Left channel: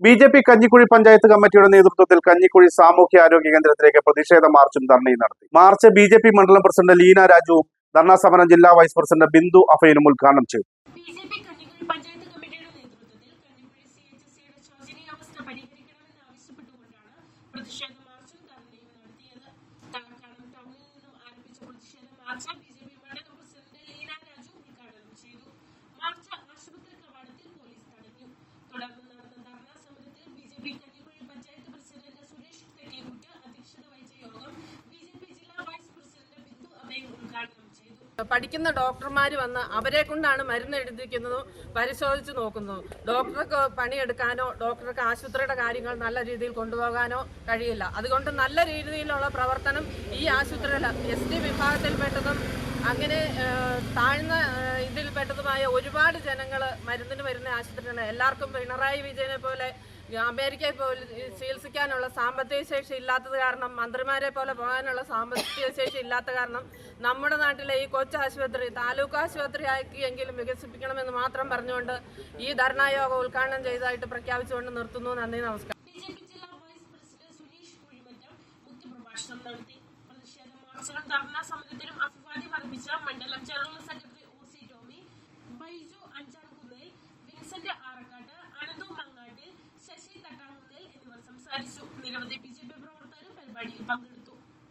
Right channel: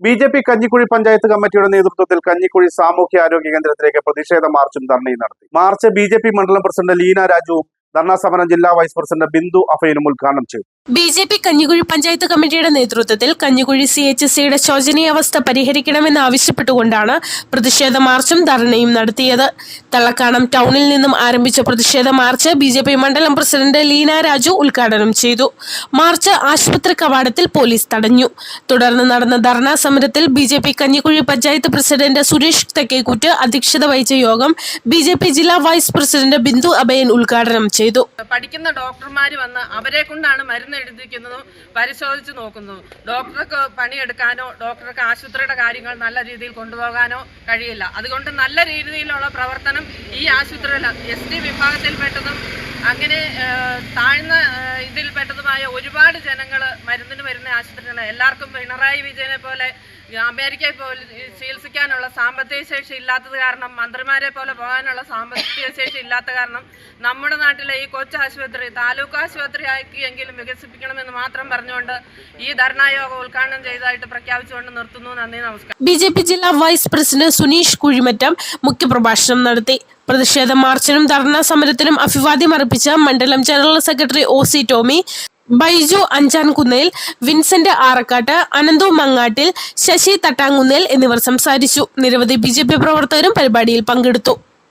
B J P Kanjikuzhi panchayat കമ്മിറ്റിയുടെ നേതൃത്വത്തിൽ കഞ്ഞിക്കുഴി സാമൂഹ്യ ആരോഗ്യ കേന്ദ്രത്തിലേക്ക് പ്രതിഷേധ മാർച്ചും ധർണയും നടത്തി. മാർച്ച് ബി മണ്ഡലം പ്രസിഡന്റ് ലീന രാജുവും ധർണാ സമരം ജില്ലാ വൈസ് പ്രസിഡന്റ് ബിന്ദു അഫൈനും ഉദ്ഘാടനം ചെയ്തു. B J P Kanjikuzhi panchayat കമ്മിറ്റിയുടെ നേതൃത്വത്തിൽ കഞ്ഞിക്കുഴി സി എച്ച് സിയുടെ ശോചനീയാവസ്ഥ പരിഹരിക്കണമെന്ന് ആവശ്യപ്പെട്ടുകൊണ്ടാണ് പ്രതിഷേധ മാർച്ചും ധർണയും നടത്തിയത്. തള്ളക്കാണം ടൗണിൽ നിന്നും ആരംഭിച്ച പ്രതിഷേധ മാർച്ച് ബി ജെ പി മണ്ഡലം പ്രസിഡന്റ് ലീന രാജു ഉദ്ഘാടനം ചെയ്തു. മാർച്ച് ആശുപത്രി കവാടത്തിൽ പോലീസ് തടഞ്ഞു. തുടർന്ന് നടന്ന ധർണാ സമരത്തിൽ B J P Kanjikuzhi panchayat president Suresh Thekkekuttu അധ്യക്ഷത വഹിച്ച യോഗം ബി ജെ പി ജില്ലാ വൈസ് പ്രസിഡന്റ് ബിന്ദു അഭയൻ ഉദ്ഘാടനം ചെയ്തു. പഠിക്കുന്ന ഡോക്ടർമാർ വന്ന് അവരെ കൊണ്ടാണ് മരുന്ന് എഴുതിക്കുന്നതും പരിശോധിച്ച് നോക്കുന്നു ഡോക്ടർക്ക് പണിയെടുക്കാനോ ഡോക്ടർക്ക് ആശുപത്രിയുടെ കാര്യങ്ങൾ നല്ല രീതിയിൽ കൊണ്ടുപോകാനോ കഴിയില്ല. അതുകൊണ്ട് നല്ല രീതിയിലുള്ള പ്രവർത്തനം ഈ ആശുപത്രിയിൽ എസ് ടി വിഭാഗത്തിൽപ്പെട്ടതും അങ്ങനെ താഴ്ന്ന ഇതിൽപ്പെട്ടതുമായ ഒരുപാട് ജനങ്ങൾ മരുന്നിന് വരുന്ന ആശുപത്രികൾ എല്ലാവർക്കും പിണറായി വിജയനെ പോലെ അമേരിക്കയിൽ പോലെ ചികിത്സിക്കാനുള്ള സാമ്പത്തിക ശേഷി ഇല്ലാത്തത് കാരണം മന്ത്രിമാരെ പോലെ പോകാനുള്ള സാമ്പത്തിക ശേഷി ഇല്ലാത്ത കാരണം നമ്മുടെ നാട്ടിലെ ഈ കൊച്ചു ആശുപത്രി താലൂക്ക് ആശുപത്രി ആക്കിയെങ്കിലും വികസിപ്പിക്കണമെന്ന് മാത്രം പറഞ്ഞുകൊണ്ട് ഈ ധർണായോഗം ഉദ്ഘാടനം ചെയ്തതായിട്ട് പ്രഖ്യാപിച്ചുകൊണ്ട് നിർത്തുന്നു. നന്ദി നമസ്കാരം. ബി ജെ പി ജില്ലാ വൈസ് പ്രസിഡന്റ് സുനീഷ് കുഴിമറ്റം മുഖ്യപ്രഭാഷണം നടത്തി. പ്രതിഷേധ മാർച്ചിനും ധർണാ സമരത്തിനും അഭിവാദ്യം അർപ്പിച്ച മണ്ഡലം general secretary O C Tomy. Baiju Anchankunnel Vincent Arakkattu Ananthu Mangattil Sasi Thattankunnel എന്നിവർ സംസാരിച്ചു. നിരവധി ബി പ്രവർത്തകരും പരിപാടിയിൽ പങ്കെടുത്തു.